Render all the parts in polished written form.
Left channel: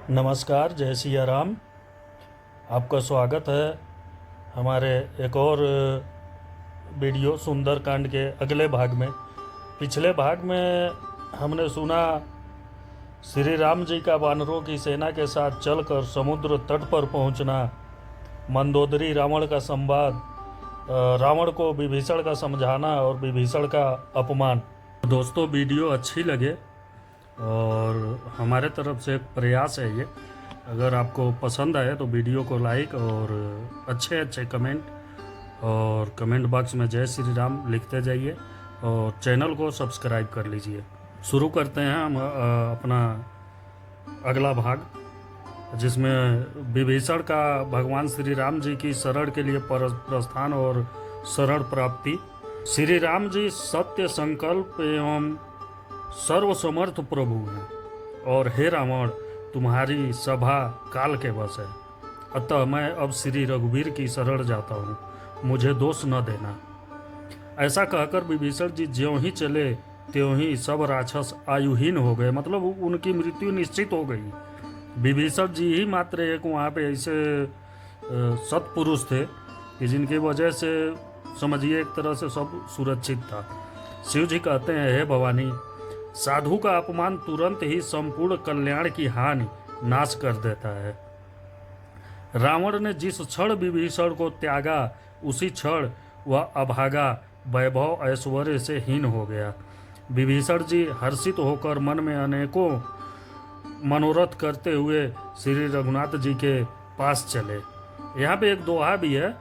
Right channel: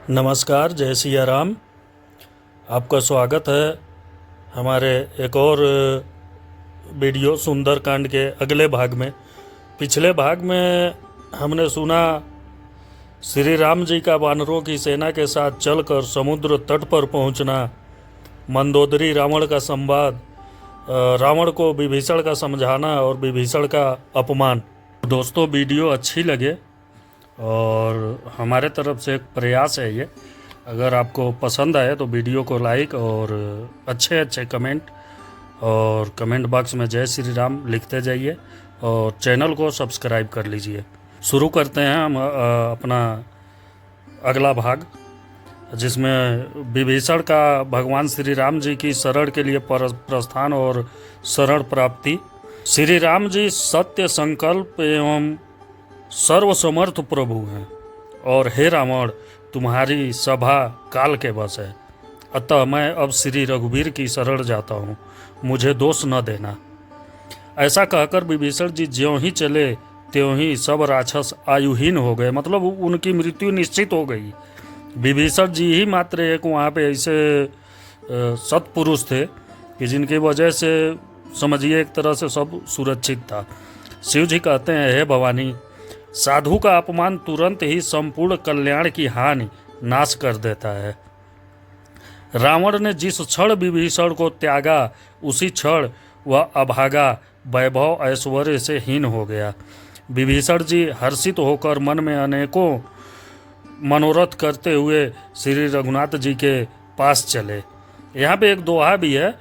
नमस्कार, जय सिया राम। आपका स्वागत है हमारे एक और वीडियो सुंदरकांड के अगले भाग में। पिछले भाग में हमने सुना श्री राम जी का वानरों की सेना के साथ चलकर समुद्र तट पर पहुंचना, मंदोदरी रावण का संवाद, रावण को विभीषण का समझाना और विभीषण का अपमान। दोस्तों, वीडियो अच्छी लगे और हमारे तरफ से एक प्रयास है ये, अगर आपको पसंद आए तो वीडियो को लाइक और अच्छे अच्छे कमेंट और कमेंट बॉक्स में जय श्री राम लिखते जाइए और चैनल को सब्सक्राइब कर लीजिए। शुरू करते हैं हम अपना अगला भाग, जिसमें विभीषण का भगवान श्री राम जी की शरण के लिए प्रस्थान और शरण प्राप्ति। श्री राम जी सत्य संकल्प एवं सर्वसमर्थ प्रभु हैं और हे रावण, तुम्हारी सभा काल के बस है, अतः मैं अब श्री रघुवीर की शरण जाता हूँ, मुझे दोष न देना। ऐसा कहकर विभीषण जी ज्यों ही चले त्यों ही सब राक्षस आयुहीन हो गए, मतलब उनकी मृत्यु निश्चित हो गई। विभीषण जी ही मात्र एक वहाँ पे ऐसे सत्पुरुष थे कि जिनकी वजह से समझिए एक तरह से सब सुरक्षित था। शिव जी कहते हैं, हे भवानी, साधु का अपमान तुरंत ही संपूर्ण कल्याण की हानि नाश कर देता है। रावण ने जिस क्षण विभीषण को त्यागा उसी क्षण वह अभागा वैभव ऐश्वर्य से हीन हो गया। विभीषण जी हर्षित होकर मन में अनेकों मनोरथ करते हुए श्री रघुनाथ जी के पास चले। यहाँ पे एक दोहा भी है,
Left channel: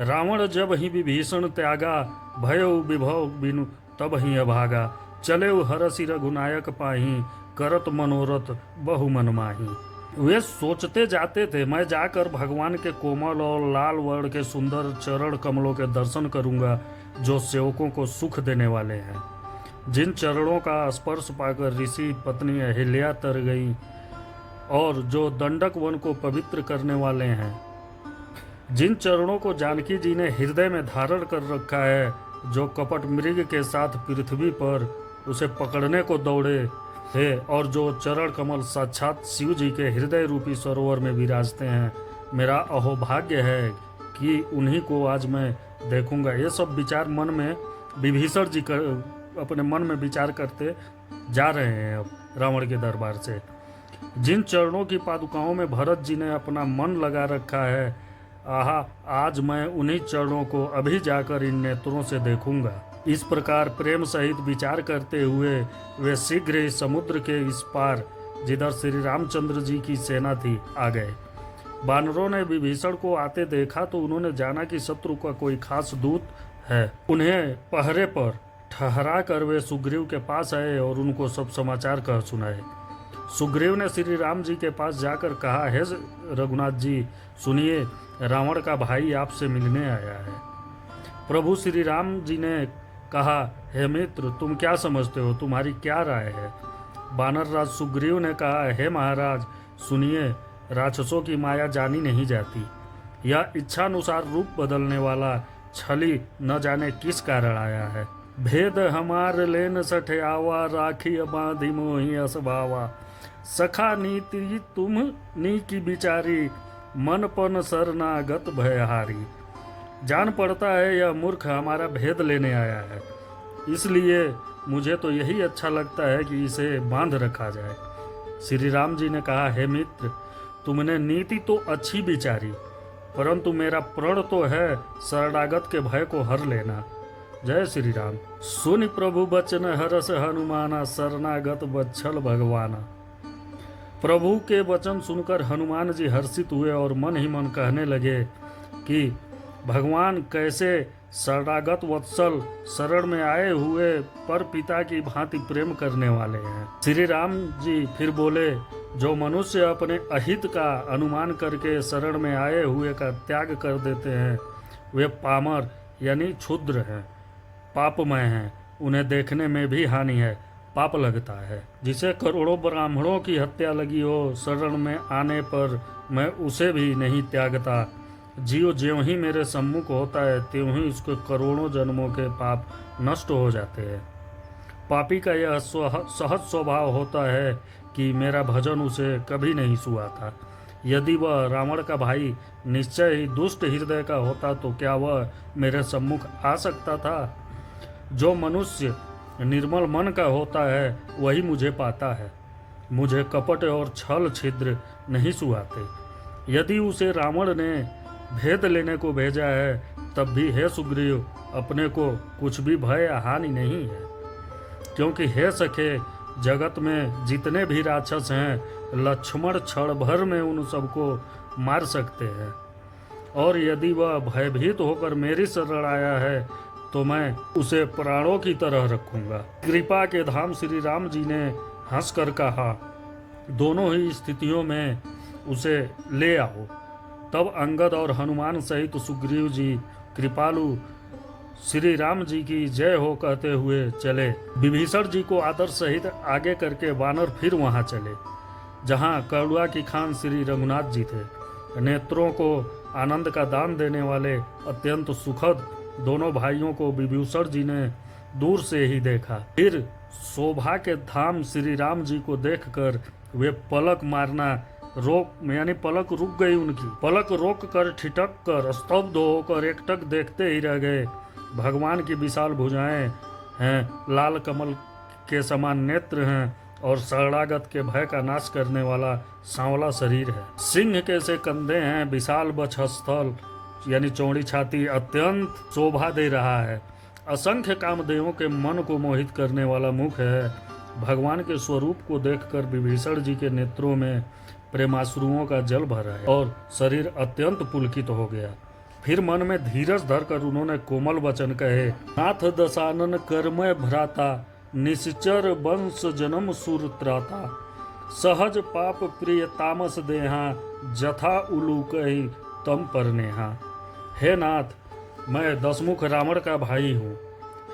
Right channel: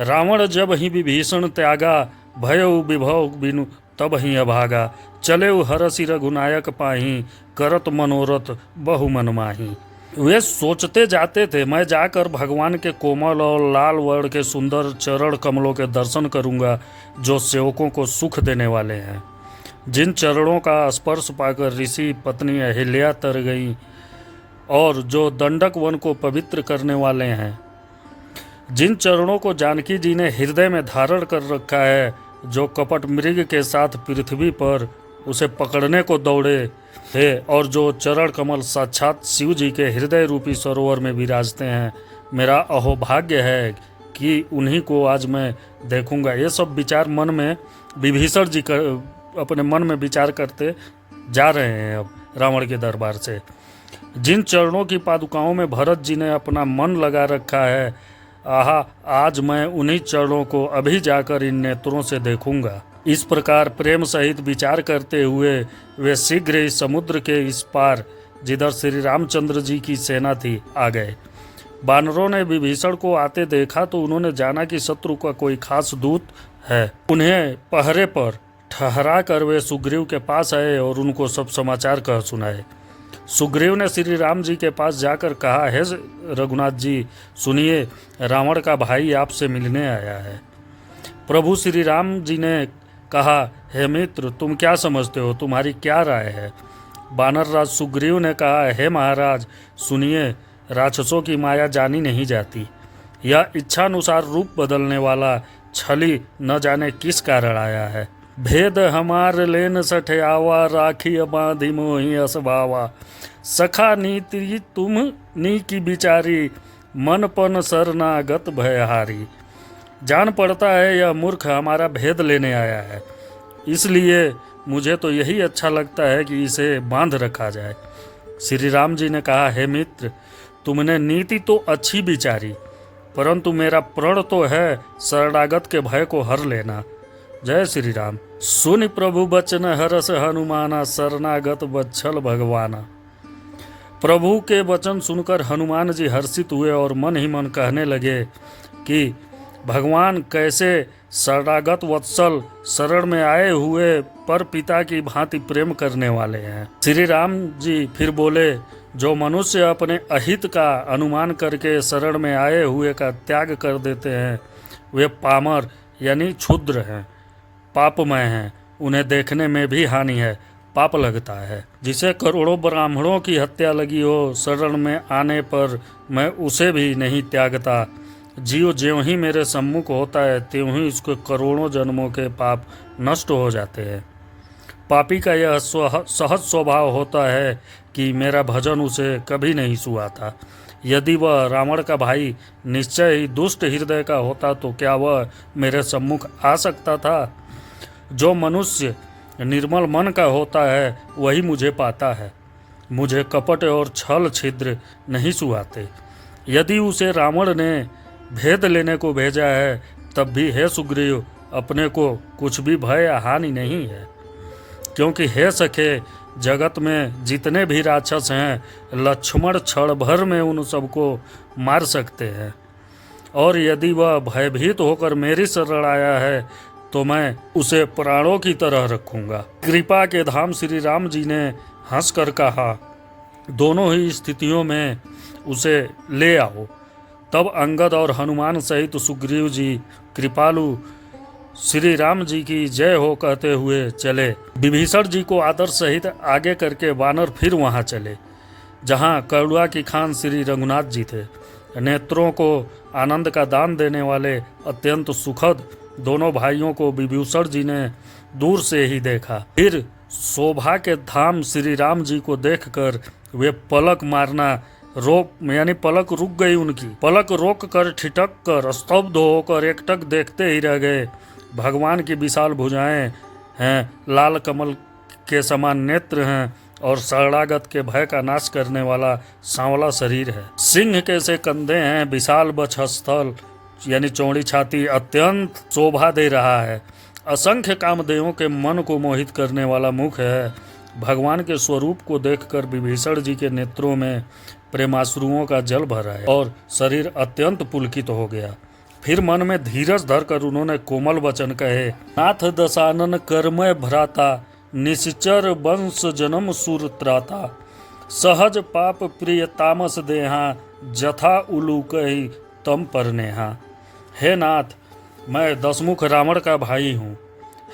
रावण जब ही विभीषण त्यागा भयउ विभव बिनु तब ही अभागा, चले हरसि रघुनायक पाही करत मनोरथ बहु मन माही। वे सोचते जाते थे, मैं जाकर भगवान के कोमल और लाल वर्ण के सुंदर चरण कमलों के दर्शन करूंगा जो सेवकों को सुख देने वाले हैं। जिन चरणों का स्पर्श पाकर ऋषि पत्नी अहिल्या तर गई और जो दंडक वन को पवित्र करने वाले हैं, जिन चरणों को जानकी जी ने हृदय में धारण कर रखा है, जो कपट मृग के साथ पृथ्वी पर उसे पकड़ने को दौड़े थे और जो चरण कमल साक्षात शिव जी के हृदय रूपी सरोवर में विराजते हैं, मेरा अहोभाग्य है कि उन्हीं को आज मैं देखूंगा। ये सब विचार मन में विभीषण जी अपने मन में विचार करते जा रहे हैं अब रावण के दरबार से। जिन चरणों की पादुकाओं में भरत जी ने अपना मन लगा रखा है, आहा, आज मैं उन्हीं चरणों को अभी जाकर इन नेत्रों से देखूंगा। इस प्रकार प्रेम सहित विचार करते हुए वे शीघ्र ही समुद्र के इस पार, जिधर श्री रामचंद्र जी की सेना थी, आ गए। वानरों ने विभीषण को आते देखा तो उन्होंने जाना कि शत्रु का कोई खास दूत है। उन्हें पहरे पर ठहरा कर वे सुग्रीव के पास आए और उनको सब समाचार कह सुनाए। सुग्रीव ने श्री राम जी के पास जाकर कहा, हे रघुनाथ जी, सुनिए, रावण का भाई आपसे मिलने आया है। प्रभु श्री राम जी ने कहा, हे मित्र, तुम क्या समझते हो, तुम्हारी क्या राय है? बानर राज सुग्रीव ने कहा, हे महाराज, सुनिए, राक्षसों की माया जानी नहीं जाती। यह इच्छानुसार रूप बदलने वाला छली न जाने किस कारण आया है। भेद हमार लेन सठयावा, राखी बांधी मोही असभावा, सखा नीति तुम नी की बिचारी, मन पन शरणागत भयहारी। जान पड़ता है यह मूर्ख हमारा भेद लेने आया है, इसलिए मुझे तो यही अच्छा लगता है कि इसे बांध रखा जाए। श्री राम जी ने कहा, हे मित्र, तुमने नीति तो अच्छी विचारी, परंतु मेरा प्रण तो है शरणागत के भय को हर लेना। जय श्री राम। सुनि प्रभु बचन हरस हनुमाना, शरणागत बच्छल भगवाना। प्रभु के वचन सुनकर हनुमान जी हर्षित हुए और मन ही मन कहने लगे कि भगवान कैसे शरणागत वत्सल, शरण में आए हुए पर पिता की भांति प्रेम करने वाले हैं। श्री राम जी फिर बोले, जो मनुष्य अपने अहित का अनुमान करके शरण में आए हुए का त्याग कर देते हैं, वे पामर यानी क्षुद्र हैं, पापमय हैं, उन्हें देखने में भी हानि है, पाप लगता है। जिसे करोड़ों ब्राह्मणों की हत्या लगी हो, शरण में आने पर मैं उसे भी नहीं त्यागता। जीव ज्यों ही मेरे सम्मुख होता है त्यों ही उसके करोड़ों जन्मों के पाप नष्ट हो जाते हैं। पापी का यह सहज स्वभाव होता है कि मेरा भजन उसे कभी नहीं सुहाता। यदि वह रावण का भाई निश्चय ही दुष्ट हृदय का होता तो क्या वह मेरे सम्मुख आ सकता था? जो मनुष्य निर्मल मन का होता है वही मुझे पाता है। मुझे कपट और छल छिद्र नहीं सुहाते। यदि उसे रावण ने भेद लेने को भेजा है तब भी हे सुग्रीव, अपने को कुछ भी भय या हानि नहीं है, क्योंकि हे सखे, जगत में जितने भी राक्षस हैं लक्ष्मण क्षण भर में उन सबको मार सकते हैं। और यदि वह भयभीत होकर मेरी शरण आया है तो मैं उसे प्राणों की तरह रखूंगा। कृपा के धाम श्री राम जी ने हंसकर कहा, दोनों ही स्थितियों में उसे ले आओ। तब अंगद और हनुमान सहित सुग्रीव जी कृपालु श्री राम जी की जय हो कहते हुए चले। विभीषण जी को आदर सहित आगे करके वानर फिर वहां चले जहां करुणा की खान श्री रघुनाथ जी थे। नेत्रों को आनंद का दान देने वाले अत्यंत सुखद दोनों भाइयों को विभीषण जी ने दूर से ही देखा। फिर शोभा के धाम श्री राम जी को देखकर वे पलक मारना पलक रुक गई उनकी। पलक रोक कर ठिठक कर स्तब्ध होकर एकटक देखते ही रह गए। भगवान की विशाल भुजाएं हैं, लाल कमल के समान नेत्र हैं और शरणागत के भय का नाश करने वाला सांवला शरीर है। सिंह के से कंधे हैं, विशाल वक्षस्थल यानी चौड़ी छाती अत्यंत शोभा दे रहा है। असंख्य कामदेवों के मन को मोहित करने वाला मुख है। भगवान के स्वरूप को देखकर विभीषण जी के नेत्रों में प्रेमाश्रुओं का जल भरा है और शरीर अत्यंत पुलकित हो गया। फिर मन में धीरज धरकर उन्होंने कोमल वचन कहे, नाथ दशानन कर्मय भ्राता, निश्चर वंश जन्म सुर त्राता, सहज पाप प्रिय तामस देहा, जथा उलू कही तम पर नेहा। हे नाथ, मैं दशमुख रावण का भाई हूँ।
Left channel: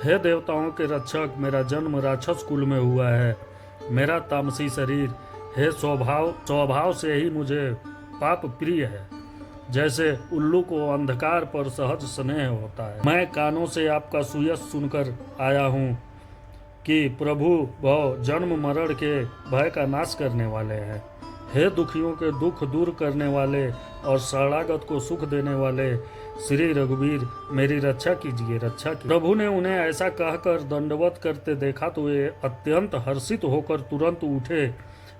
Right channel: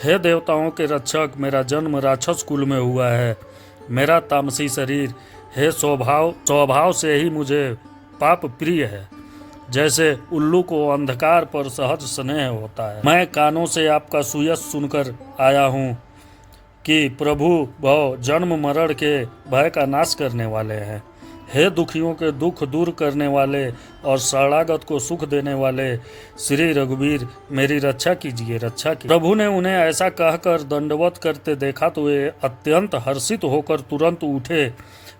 हे देवताओं के रक्षक, मेरा जन्म राक्षस कुल में हुआ है। मेरा तामसी शरीर हे स्वभाव से ही मुझे पाप प्रिय है। जैसे उल्लू को अंधकार पर सहज स्नेह होता है। मैं कानों से आपका सुयश सुनकर आया हूँ कि प्रभु भव जन्म मरण के भय का नाश करने वाले हैं। हे दुखियों के दुख दूर करने वाले और शरणागत को सुख देने वाले श्री रघुवीर, मेरी रक्षा कीजिए, रक्षा कीजिए। प्रभु ने उन्हें ऐसा कहकर दंडवत करते देखा तो वे अत्यंत हर्षित होकर तुरंत उठे।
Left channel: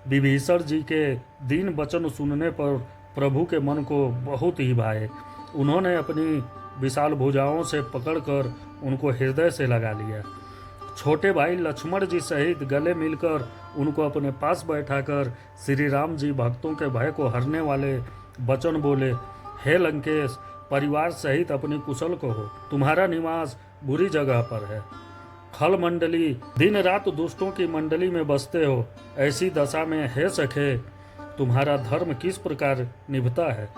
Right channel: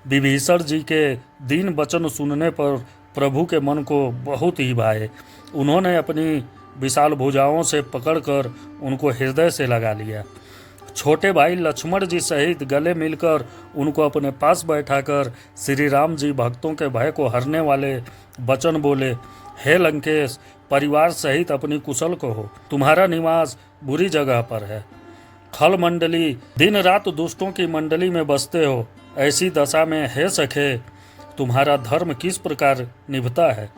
विभीषण जी के दीन वचन सुनने पर प्रभु के मन को बहुत ही भाए। उन्होंने अपनी विशाल भुजाओं से पकड़कर उनको हृदय से लगा लिया। छोटे भाई लक्ष्मण जी सहित गले मिलकर उनको अपने पास बैठाकर श्री राम जी भक्तों के भय को हरने वाले वचन बोले, हे लंकेश, परिवार सहित अपनी कुशल को हो। तुम्हारा निवास बुरी जगह पर है। थल मंडली दिन रात दुष्टों की मंडली में बसते हो। ऐसी दशा में हे सखे, तुम्हारा धर्म किस प्रकार निभता है।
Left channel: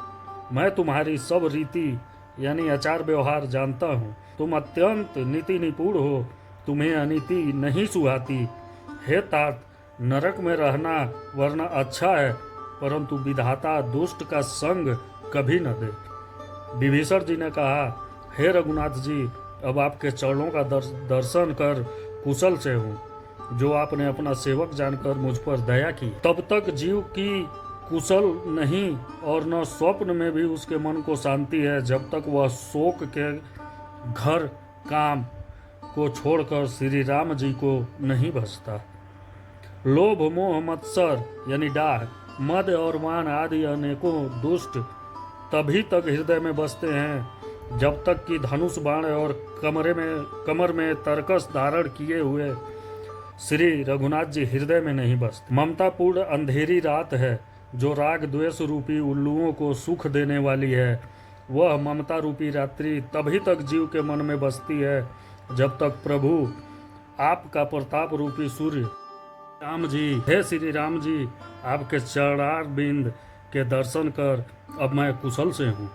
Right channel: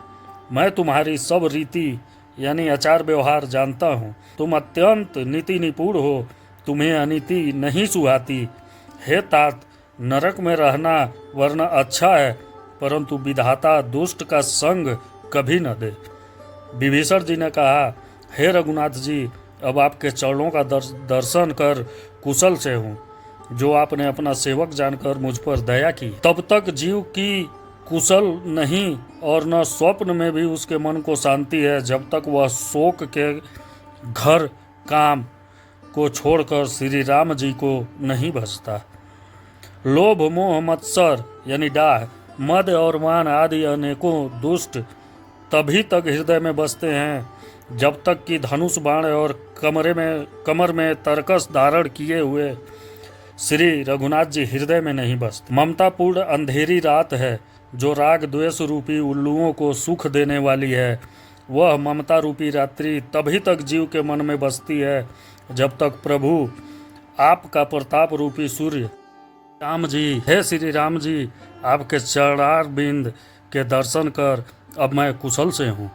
मैं तुम्हारी सब रीति यानी आचार व्यवहार जानता हूँ। तुम अत्यंत नीति निपुण हो, तुम्हें अनीति नहीं सुहाती। हे तात, नरक में रहना वरना अच्छा है, परंतु विधाता दुष्ट का संग कभी न दे। विभीषण जी ने कहा, हे रघुनाथ जी, अब आपके चरणों का दर्शन कर कुशल से हूँ, जो आपने अपना सेवक जानकर मुझ पर दया की। तब तक जीव की कुशल नहीं और न स्वप्न में भी उसके मन को शांति है, जब तक वह शोक के घर काम को छोड़कर श्री राम जी को नहीं भजता। लोभ मोह मत्सर यानी डाह, मद और मान आदि अनेकों दुष्ट तभी तक हृदय में बसते हैं जब तक कि धनुष बाण और कमर में तरकस धारण किए हुए श्री रघुनाथ जी हृदय में नहीं बसते। ममतापूर्ण अंधेरी रात है जो राग द्वेष रूपी उल्लुओं को सुख देने वाली है। वह ममता रूपी रात्रि तभी तक जीव के मन में बसती है जब तक प्रभु आपका प्रताप रूपी सूर्य राम जी, हे श्री राम जी, आपके चरणार बिंद के दर्शन कर अब मैं कुशल से हूँ।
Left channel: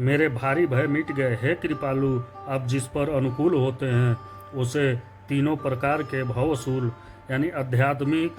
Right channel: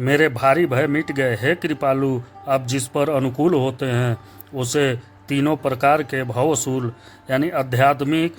मेरे भारी भय मिट गए। हे कृपालु, आप जिस पर अनुकूल होते हैं उसे तीनों प्रकार के भवशूल यानी आध्यात्मिक,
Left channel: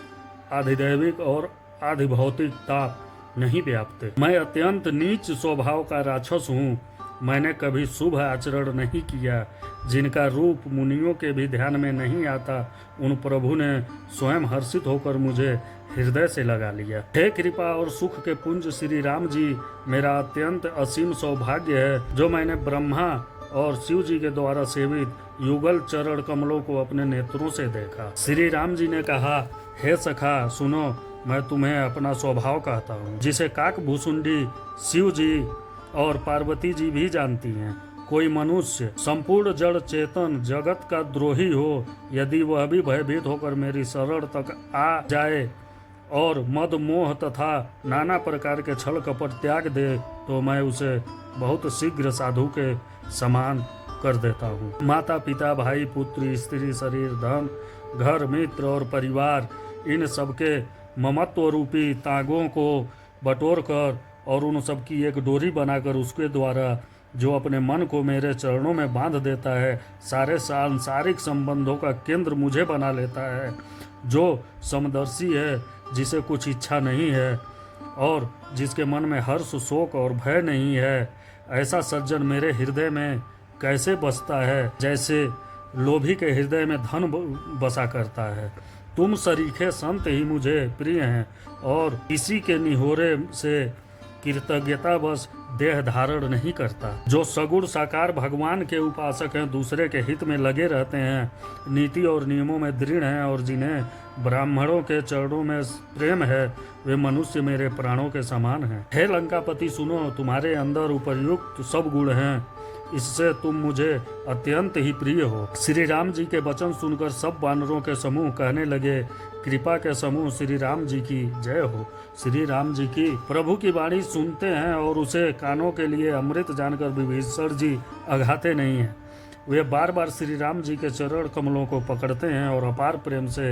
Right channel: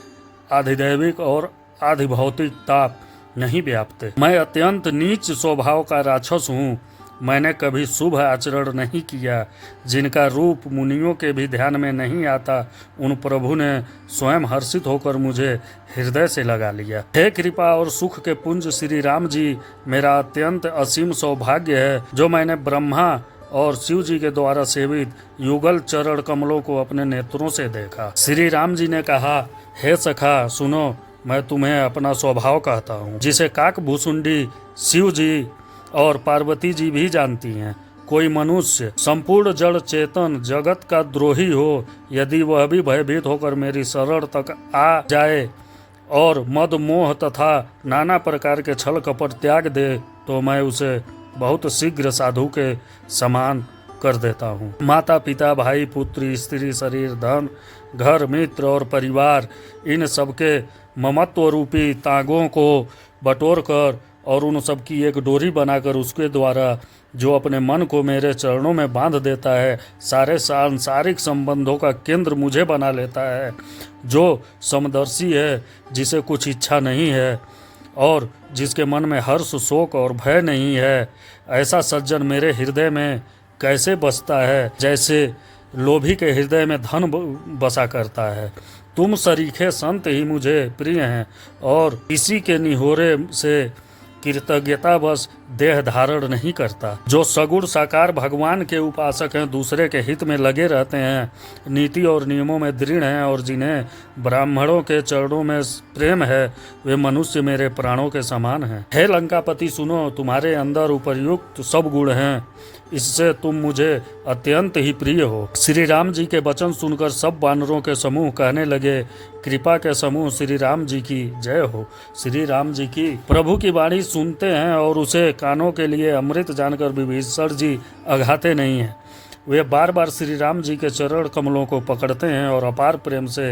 आधिदैविक और आधिभौतिक ताप नहीं व्यापते। मैं अत्यंत नीच स्वभाव का राक्षस हूँ। मैंने कभी शुभ आचरण नहीं किया, जिनका रूप मुनियों के भी ध्यान में नहीं आता, उन प्रभु ने स्वयं हर्षित होकर मुझे हृदय से लगा लिया। हे कृपा और सुख के पुंज श्री राम जी, मेरा अत्यंत असीम सौभाग्य है जो मैंने ब्रह्मा और शिव जी के द्वारा सेवित युगल चरण कमलों को अपने नेत्रों से देखा। श्री राम जी ने कहा, हे सखा सुनो, मैं तुम्हें अपना स्वभाव कहता हूँ, जिसे काक भूसुंडी शिव जी और पार्वती जी भी जानती हैं। कोई मनुष्य संपूर्ण जड़ चेतन जगत का द्रोही हो, यदि वह भी भयभीत होकर मेरी शरण तक आ जाए और मद मोह तथा नाना प्रकार के छल कपट त्याग दे, तो मैं उसे बहुत शीघ्र साधु के समान कर देता हूँ। माता पिता भाई पुत्री स्त्री शरीर धन घर मित्र और परिवार, इन सबके ममत्व रूपी तागों को बटोर कर और उन सब की एक डोरी बनाकर उसके द्वारा जो अपने मन को मेरे चरणों में बांध देता है, सारे सांसारिक संबंधों का केंद्र मुझे बना लेता है, जो समदर्शी है, जिसे कुछ इच्छा नहीं है और जिसके मन में हर्ष शोक और भय नहीं है, ऐसा सज्जन मेरे हृदय में कैसे बसता है जैसे लोभी के हृदय में धन बसा करता है। तुम सरीखे संत ही मुझे प्रिय हैं और इसी के निहोरे से कृतज्ञता बस देह धारण नहीं करता। जो सगुण साकार भगवान के उपासक हैं, दूसरे के हित में लगे रहते हैं, नीति और नियमों में दृढ़ हैं और जिन्हें ब्राह्मणों के चरणों में प्रेम है, वे मनुष्य मेरे प्राणों के समान हैं। हे लंकापति सुनो, तुम्हारे अंदर उपर्युक्त सब गुण हैं, इससे तुम मुझे अत्यंत ही प्रिय हो। श्री राम जी के वचन सुनकर सब वानरों के समूह कहने लगे, कृपा के समूह श्री राम जी की जय हो। श्री राम जी की प्रभु की वाणी सुनते हैं और उसे कानों के लिए अमृत जानकर विभीषण जी अघाते नहीं हैं। वे बार बार श्री राम जी के चरण कमलों को पकड़ते हैं और अपार प्रेम से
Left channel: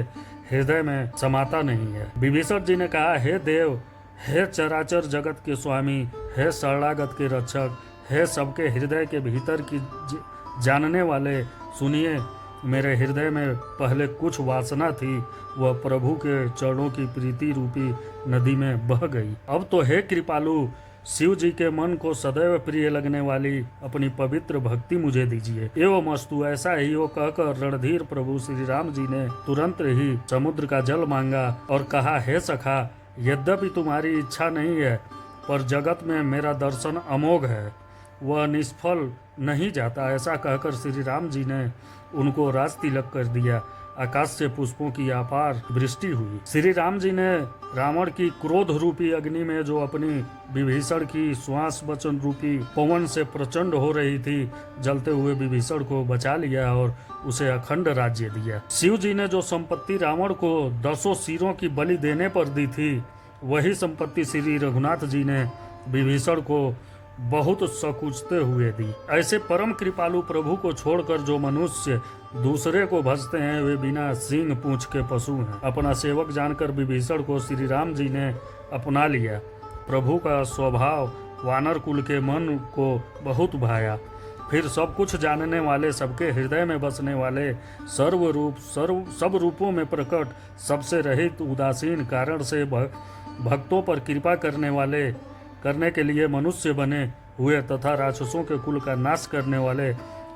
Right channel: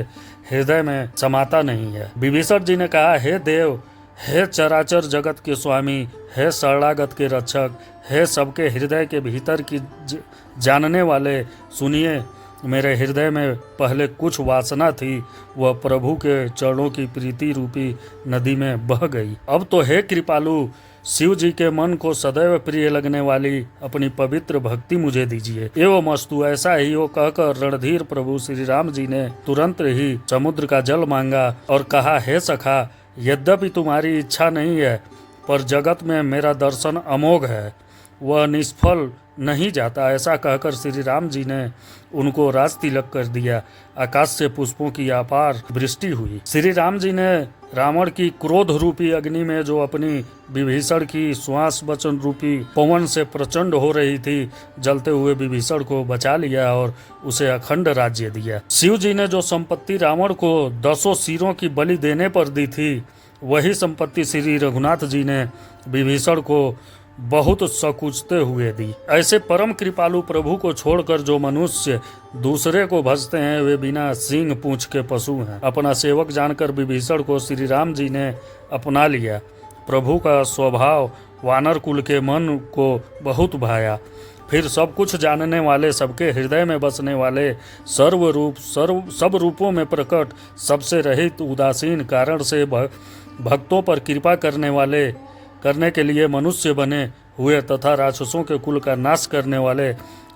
हृदय में समाता नहीं है। विभीषण जी ने कहा, हे देव, हे चराचर जगत के स्वामी, हे शरणागत के रक्षक, हे सबके हृदय के भीतर की जानने वाले, सुनिए, मेरे हृदय में पहले कुछ वासना थी, वह प्रभु के चरणों की प्रीति रूपी नदी में बह गई। अब तो हे कृपालु, शिव जी के मन को सदैव प्रिय लगने वाली अपनी पवित्र भक्ति मुझे दीजिए। एवं अस्तु, ऐसा ही हो कहकर रणधीर प्रभु श्री राम जी ने तुरंत ही समुद्र का जल मांगा और कहा, हे सखा, यद्यपि तुम्हारी इच्छा नहीं है, पर जगत में मेरा दर्शन अमोघ है, वह निष्फल नहीं जाता। ऐसा कहकर श्री राम जी ने उनको राज तिलक कर दिया। आकाश से पुष्पों की अपार वृष्टि हुई। श्री राम जी ने रावण की क्रोध रूपी अग्नि में जो अपनी विभीषण की श्वास वचन रूपी पवन से प्रचंड हो रही थी, जलते हुए विभीषण को बचा लिया और उसे अखंड राज्य दिया। शिव जी ने जो संपत्ति रावण को 10 सिरों की बलि देने पर दी थी, वही संपत्ति श्री रघुनाथ जी ने विभीषण को बहुत सकुचते हुए दी। ऐसे परम कृपालु प्रभु को छोड़कर जो मनुष्य दूसरे को भजते हैं, वे बिना सींग पूंछ के पशु हैं। अपना सेवक जानकर विभीषण को श्री राम जी ने अपना लिया। प्रभु का स्वभाव वानर कुल के मन को बहुत भाया। फिर सब कुछ जानने वाले, सबके हृदय में बसने वाले, सर्वरूप सब रूपों में प्रकट, सबसे रहित, उदासीन, कारण से भक्तों पर कृपा करने के लिए मनुष्य बने हुए तथा राक्षसों के कुल का नाश करने वाले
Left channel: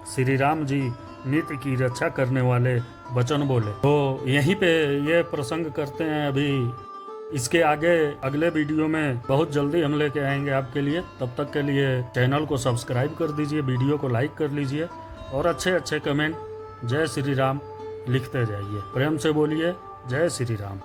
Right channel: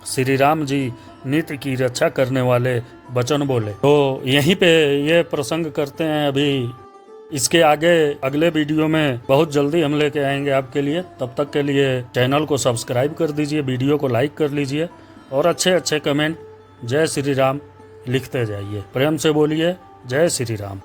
श्री राम जी नित्य की रक्षा करने वाले वचन बोले। तो यहीं पे ये प्रसंग करते हैं। अभी इसके आगे अगले वीडियो में बहुत जल्दी हम लेके आएंगे आपके लिए। तब तक के लिए चैनल को सब्सक्राइब कर दीजिए, वीडियो को लाइक कर लीजिए और अच्छे अच्छे कमेंट जय श्री राम लिखते जाइए। प्रेम से बोलिए जय श्री राम।